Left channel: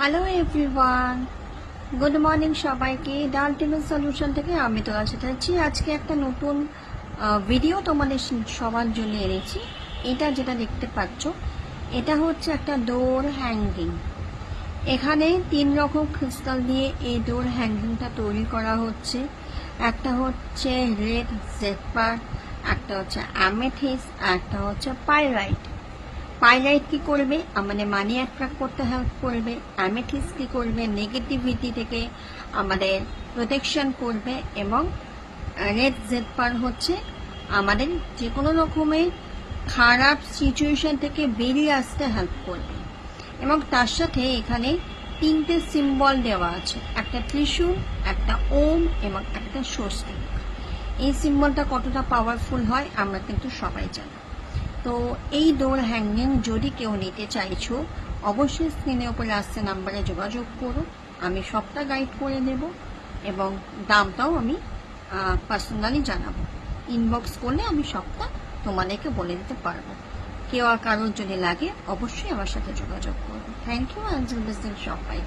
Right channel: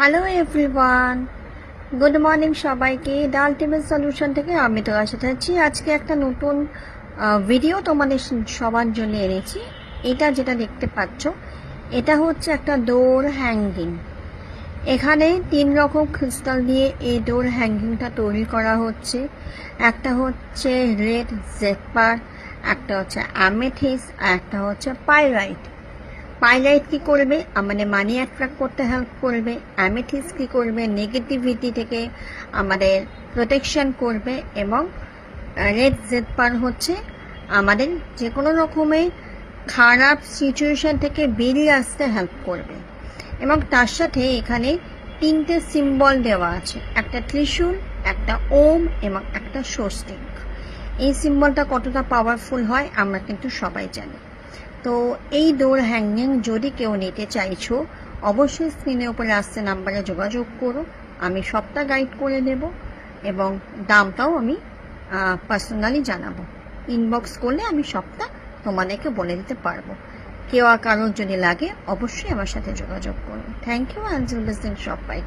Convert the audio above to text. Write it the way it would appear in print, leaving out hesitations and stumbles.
Hello everyone, good morning সবাইকে। The ultimate solution থেকে আমি তো আশা থাকছি আজকে একটা নতুন ভিডিও তোমাদের সবার জন্য এনেছি। এটা যেটা দেখতে পাচ্ছ, এটা হচ্ছে একটা ডোর হ্যাঙ্গিং। এখানে 3 রকম ক্রিস্টাল দিয়ে এই ডোর হ্যাঙ্গিংটা তৈরি করা হচ্ছে। একটা হচ্ছে রেড জেডপার, একটা হচ্ছে অ্যামেথিস, আর একটা হচ্ছে পাইরাইট। পাইলাইট কি করবে, আমাদের মানি অ্যাট্রাক্ট করতে হেল্প করবে। অ্যামেথিস কি করবে, নেগেটিভিটি থেকে আমাদের প্রোটেকশন করবে। এবং রেড জেডপার হচ্ছে আমাদের যে কোনো রকমের খারাপ সিচুয়েশন থেকে বেরিয়ে আসতে হেল্প করবে। এবং তার সাথে এখানে 3টে সিম্বল দেওয়া আছে, একটা ত্রিশূল, একটা ওম এবং একটা স্বস্তি। এই সিম্বলটা কতটা পাওয়ারফুল হয় আমরা কিন্তু সবাই জানি। তো এই ডোর হ্যাঙ্গিং যদি কেউ নিতে চাইছো, অবশ্যই স্ক্রিনের উপরে আসছে নাম্বারে যোগাযোগ করো। আমি সবটা গাইড করে দেব এবং দামটাও আমি পার্সোনালি জানাবো। ইনবক্স করলে আমি সবটা তোমাদেরকে বলে দিতে পারবো। কেউ আর কারোর যদি লাগে অবশ্যই আমার সাথে যোগাযোগ করো। থ্যাংক ইউ, আঞ্জল বিজনেস সবাইকে।